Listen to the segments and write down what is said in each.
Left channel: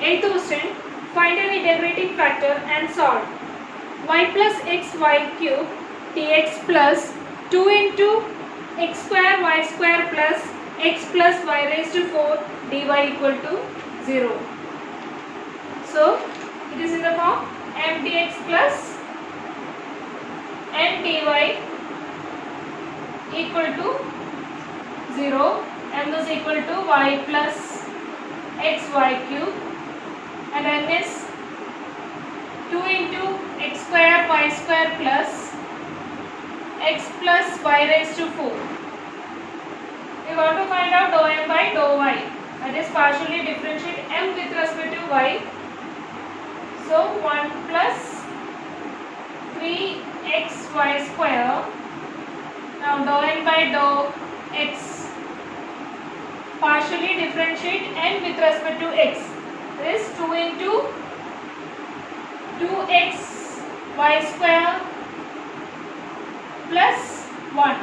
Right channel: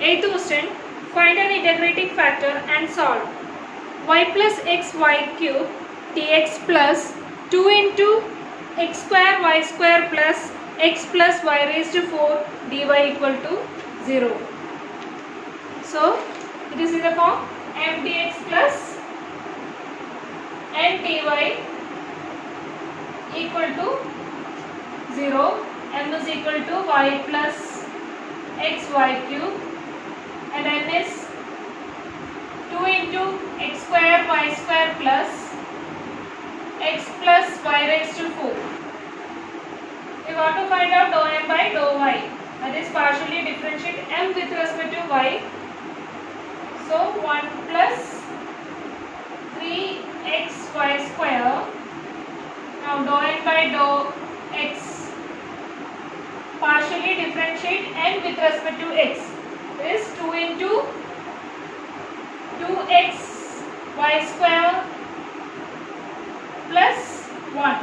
8th question, find an integrating factor and solve. Y plus xy cube dx plus 2 into x square y square plus x plus y raised to 4 dy equal to 0. So, it is in the form m dx plus n dy equal to 0. M is equal to y plus xy cube and n is 2 into x square y square plus x plus y raised to 4. We want to find out dou m by dou y, that is partially differentiate m with respect to y. So 1 plus 3xy square. Now dou n by dou x, partially differentiate n with respect to x, is 2 into 2x y square plus 1.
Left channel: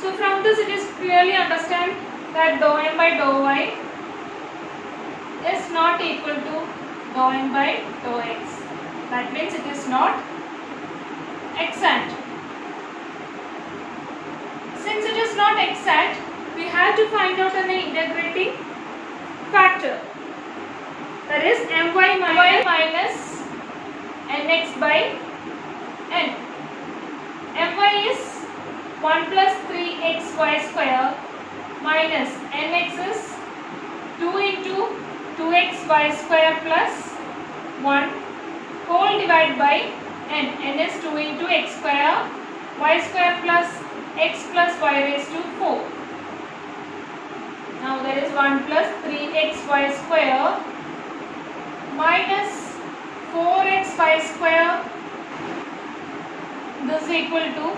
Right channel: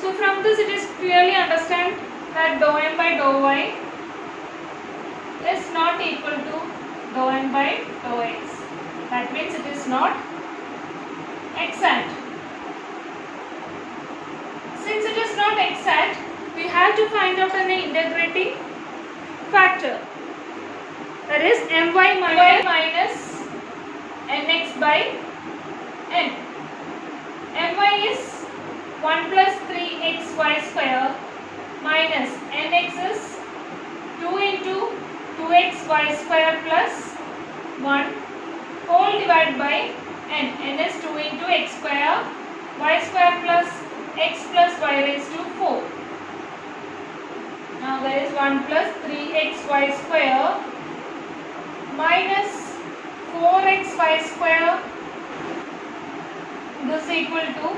So from this it is clearly understand that dou m by dou y is not equal to dou n by dou x. That means it is not exact. Since it is not exact, we have to find out an integrating factor. That is my minus nx by n. My is 1 plus 3xy square minus nx is 2 into 2xy square plus 1 whole divided by n. N is 2 into x square y square plus x plus y raised to 4. Now there is 1 plus 3xy square minus 4xy square. This is equal to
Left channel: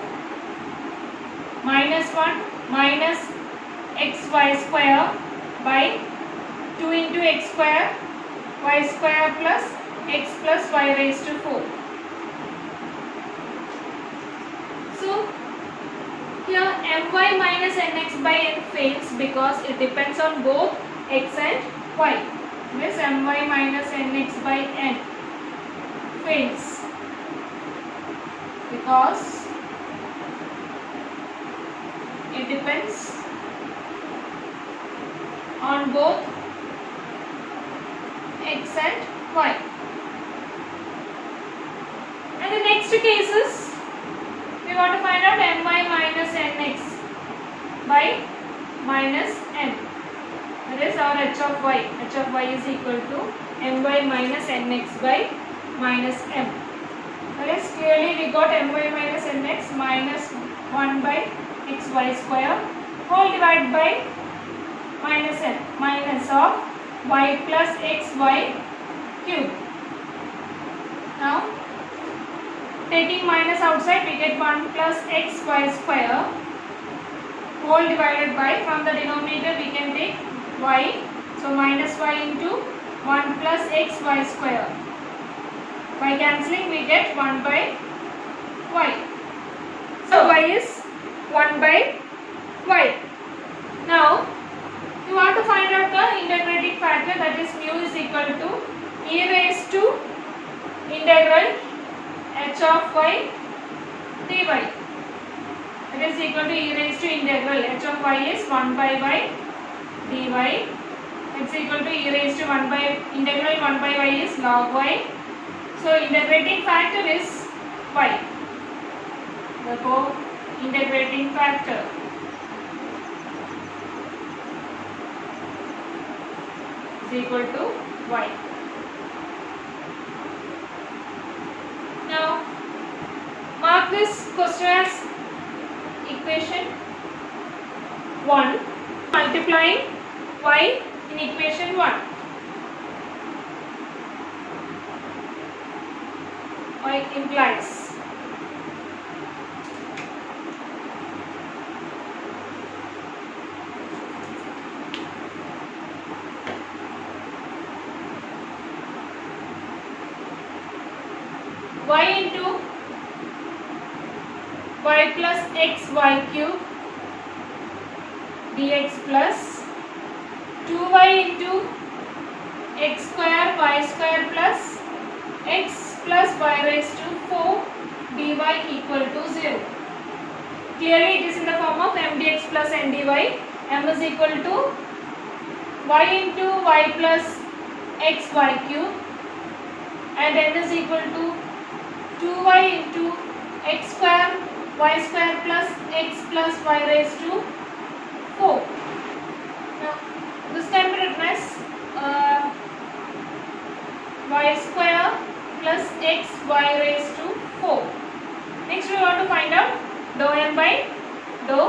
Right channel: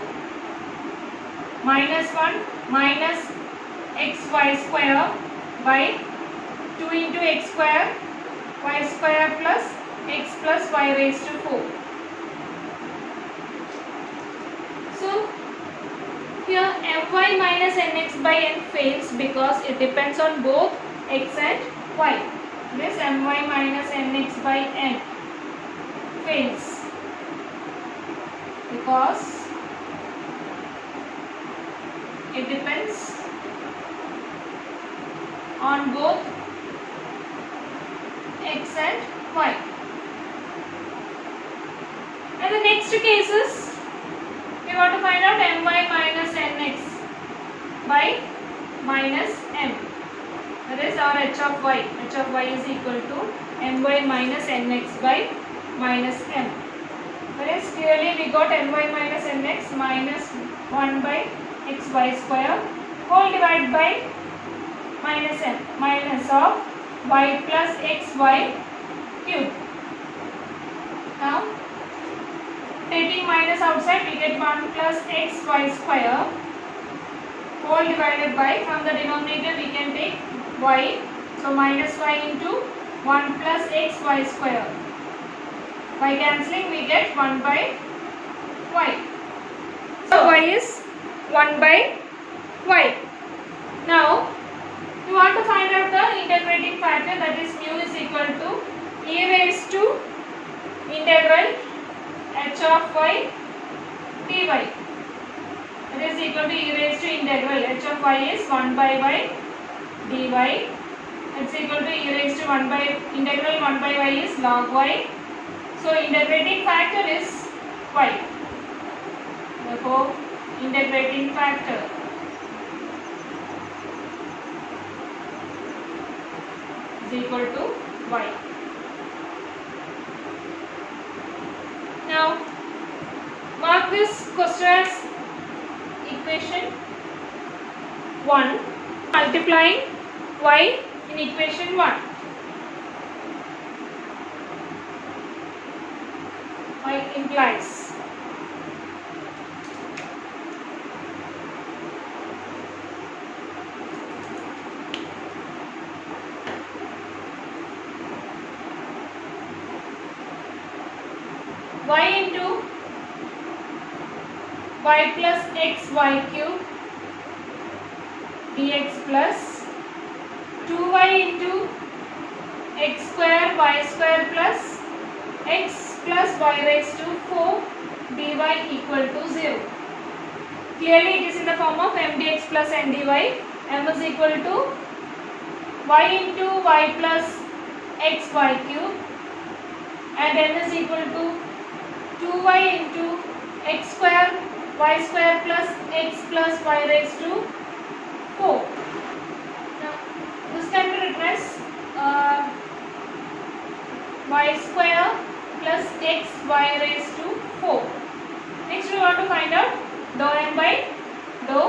minus 1 minus xy square by 2 into x square y square plus x plus y raised to 4. So here my minus nx by n fails because it depends on both x and y. This my minus nx by n fails because it depends on both x and y. And the next case is we want to find out my minus nx by minus m. That is our h of y. H of y is equal to my minus nx by minus m. That is clearly we got my minus nx minus 1 by xy square whole divided by minus m, minus of y plus xy cube. Now taking minus outside, we get 1 plus xy square whole divided by, from the denominator we can take y, so minus y into 1 plus xy square. By cancelling we get 1 by y. So y is 1 by y. Now we want to find out the integrating factor, that is mu is equal to e raised to integral h of y dy. It is equal to e raised to integral h of y is 1 by y dy. It's equal to e raised to 1 by integral 1 by y is log y. So integrating factor is y. Therefore integrating factor is equal to y. Now mark this question as equation 1 multiplying y in equation 1. Y implies y into y plus xy cube dx plus 2y into x square y square plus x plus y raised to 4 dy equal to 0. Clearly it is in the form of m dx plus n dy. M is equal to y into y plus x y cube and n is equal to 2y into x square y square plus x plus y raised to 4. Now this can be written as y square plus x y raised to 4. Next we want to find out dou m by dou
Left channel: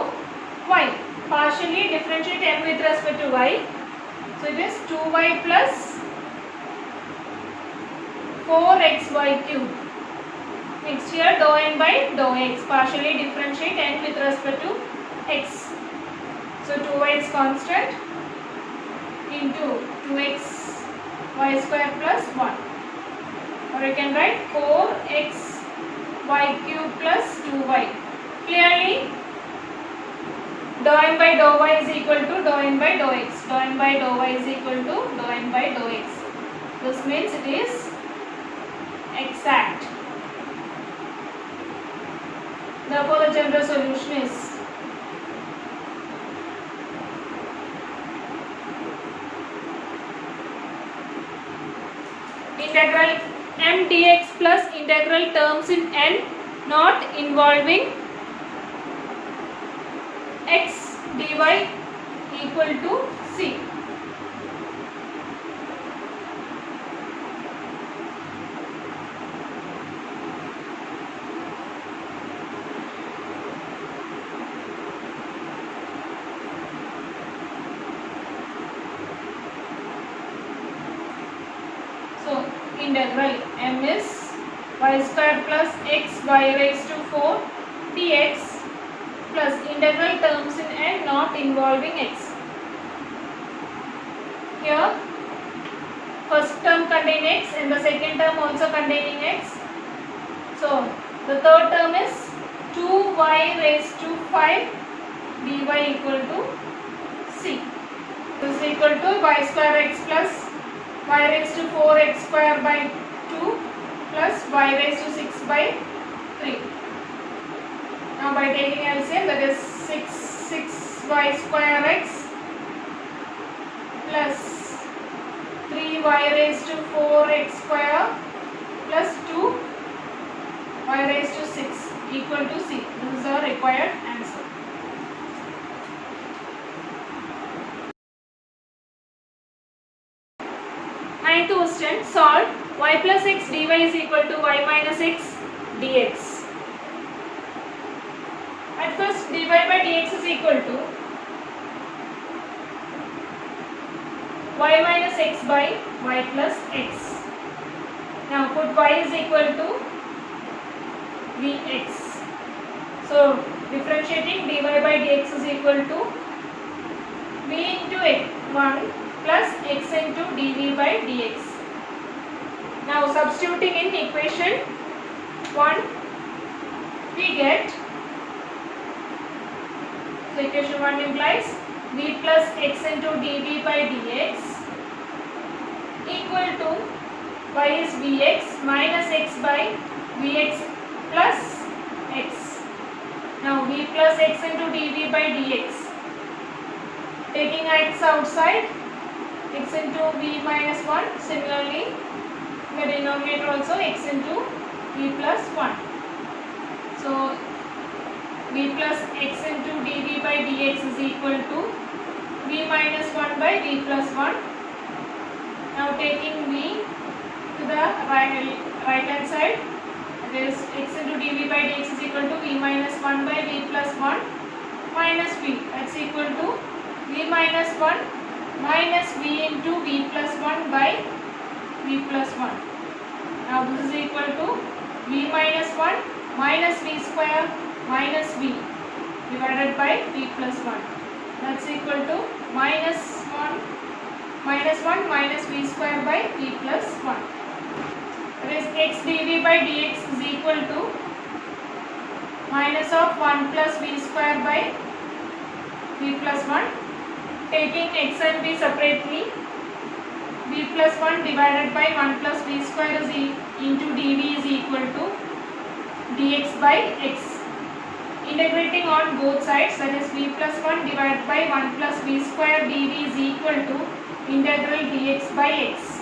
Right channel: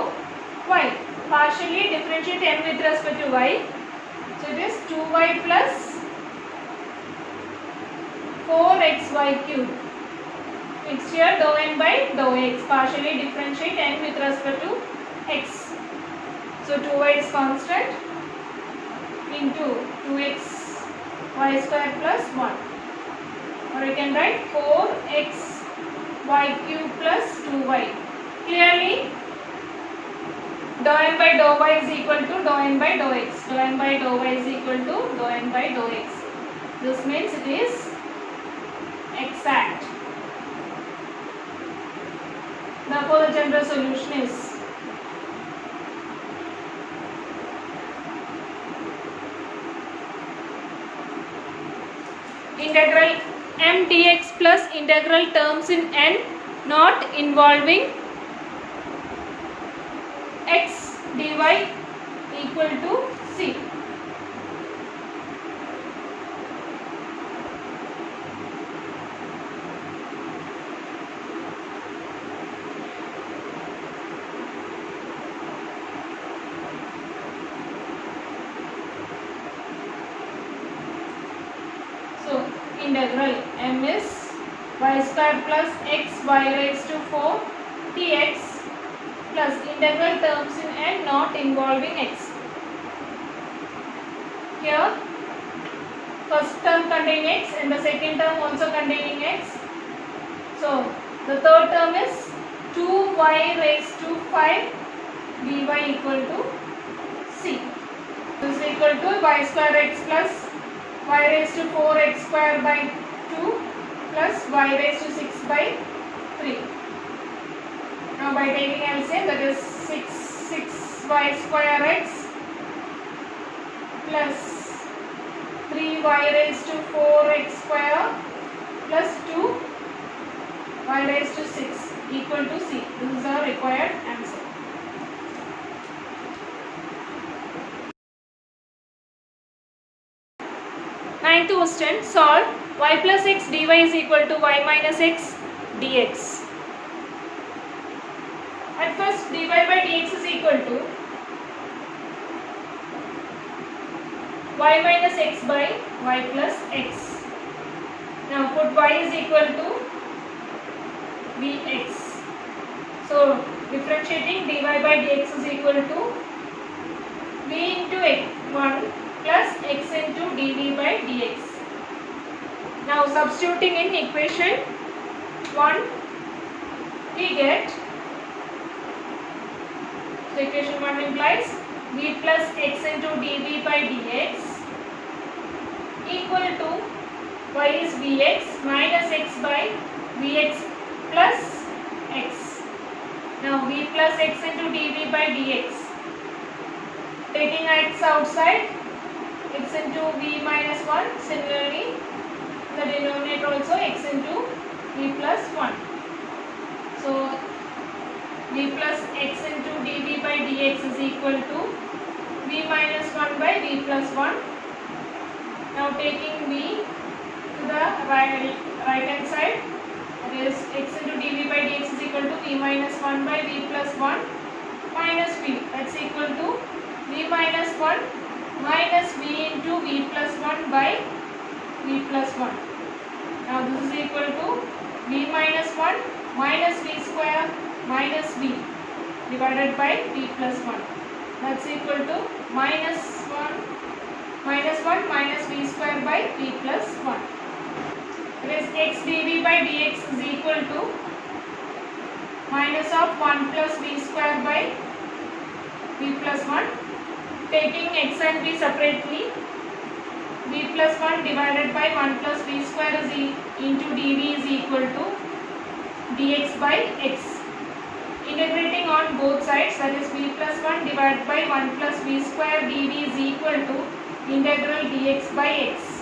y. Partially differentiate m with respect to y. So it is 2y plus 4xy cube. Next here dou m by dou x. Partially differentiate n with respect to x. So 2y is constant into 2x y square plus 1. Or you can write 4x y cube plus 2y. Clearly dou m by dou y is equal to dou n by dou x. Dou m by dou y is equal to dou n by dou x. This means it is exact. Therefore the general solution is integral m dx plus integral terms in n not involving x dy equal to c. So integral m is y square plus x y raised to 4 dx plus integral terms in n not involving x. Here first term contain x and the second term also containing x. So the third term is 2y raised to 5 dy equal to c. This is equal to y square x plus y raised to 4x square by 2 plus y raised to 6 by 3. Now by taking LCM, that is 6y square x plus 3y raised to 4x square plus 2y raised to 6 equal to c. This is our required answer. Ninth question, solve y plus x dy is equal to y minus x dx. At first dy by dx is equal to y minus x by y plus x. Now put y is equal to vx. So differentiating dy by dx is equal to v into x1 plus x into dv by dx. Now substituting in equation 1 we get, so equation 1 implies v plus x into dv by dx equal to y is vx minus x by vx plus x. Now v plus x into dv by dx, taking x outside, x into v minus 1, similarly in the denominator also x into v plus 1. So v plus x into dv by dx is equal to v minus 1 by v plus 1. Now taking v to the right hand side, that is x into dv by dx is equal to v minus 1 by v plus 1 minus v, that's equal to v minus 1 minus v into v plus 1 by v plus 1. Now this is equal to v minus 1 minus v square minus v divided by v plus 1. That's equal to minus 1 minus v square by v plus 1. That is x dv by dx is equal to minus of 1 plus v square by v plus 1. Taking x and v separately, b plus 1 divided by 1 plus b square is into dv is equal to dx by x. Integrating on both sides, that is b plus 1 divided by 1 plus b square dv is equal to integral dx by x.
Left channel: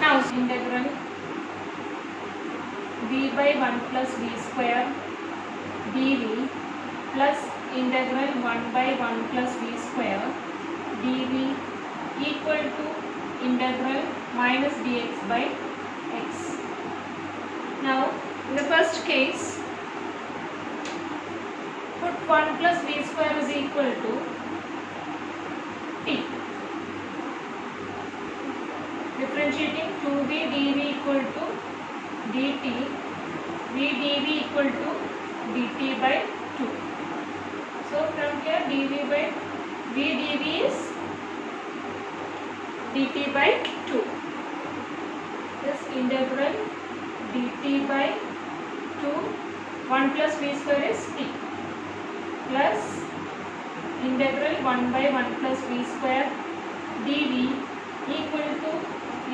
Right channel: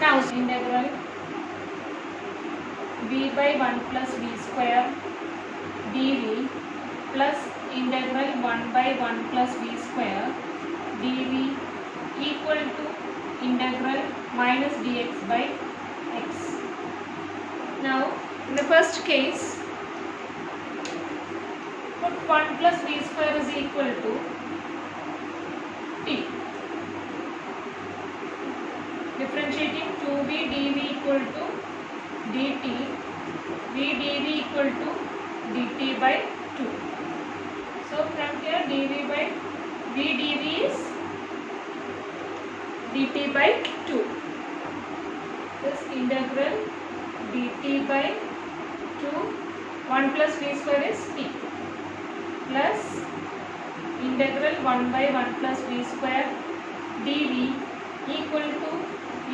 Now integral b by 1 plus b square dv plus integral 1 by 1 plus b square dv equal to integral minus dx by x. Now in the first case, put 1 plus b square is equal to t. Differentiating 2b dv equal to dt, v dv equal to dt by 2. So from here dv by v dv is dt by 2. This integral dt by 2, 1 plus v square is t, plus integral 1 by 1 plus v square dv equal to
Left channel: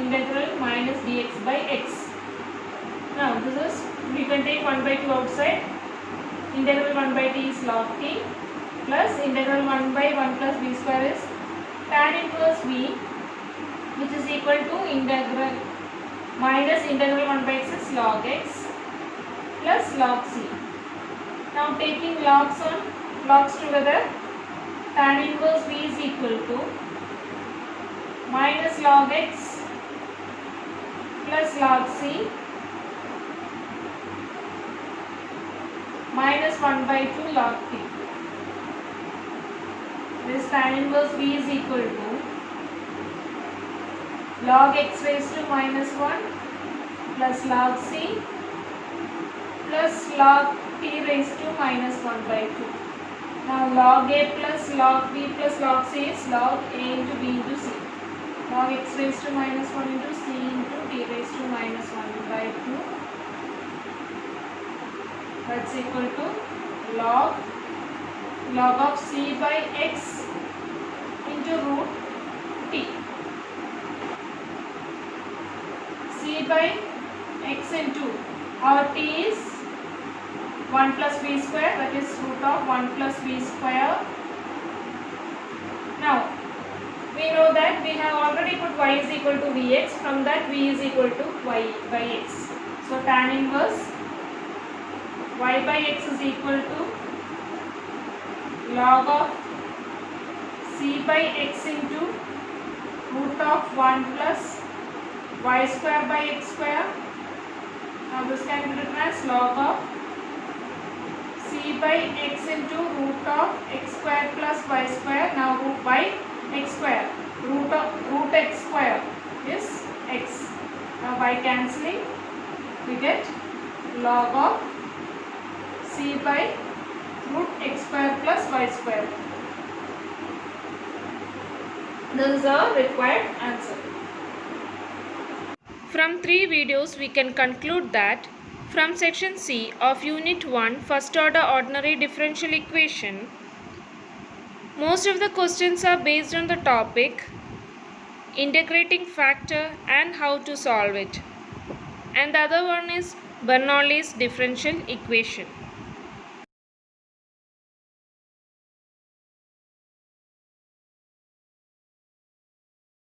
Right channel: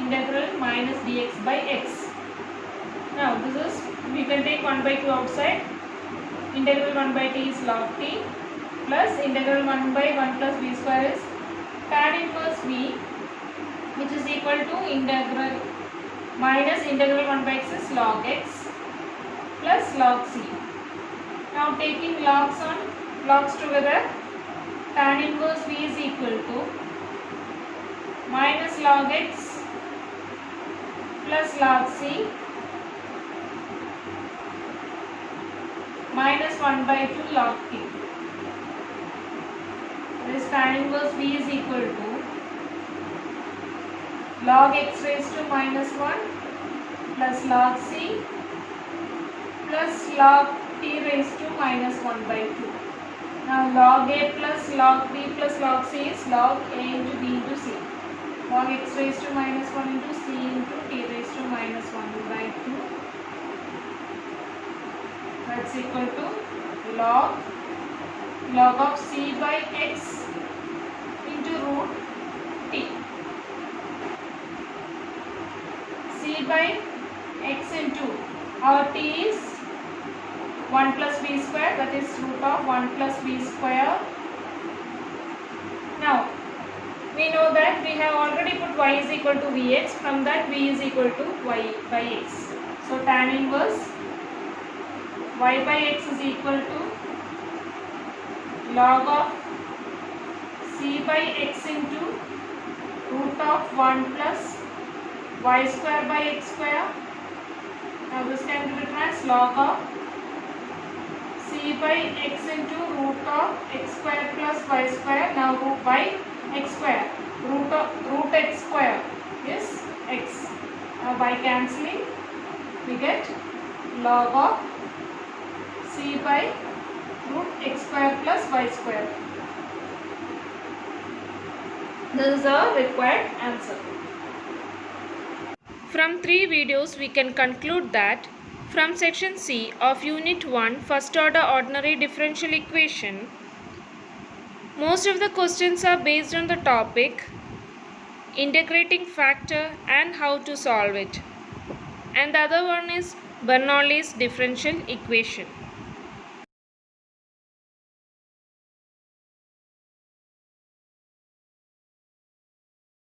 integral minus dx by x. Now this is, we can take 1 by 2 outside. Integral 1 by t is log t, plus integral 1 by 1 plus v square is tan inverse v, which is equal to integral minus integral 1 by x is log x plus log c. Now taking logs together, tan inverse v is equal to minus log x plus log c minus 1 by 2 log t. This tan inverse v is equal to log x raised to minus 1 plus log c plus log t raised to minus 1 by 2. Now log a plus log b plus log c is log a into b into c. Log x raised to minus 1 into c into t raised to minus 1 by 2. That's equal to log of c by x into root t. C by x into our t is 1 plus b square, that is root of 1 plus b square. Now we know that we have already put y is equal to vx, from that v is equal to y by x. So tan inverse y by x is equal to log of c by x into root of 1 plus y square by x square. Now this can be written as log of c by x into root of x square plus y square. Now root by x square, root x square is x. Now by cancelling we get log of c by root x square plus y square. This is our required answer. From 3 videos we can conclude that from section C of unit 1 first order ordinary differential equation, most of the questions are based on the topic integrating factor and how to solve it, and the other one is Bernoulli's differential equation.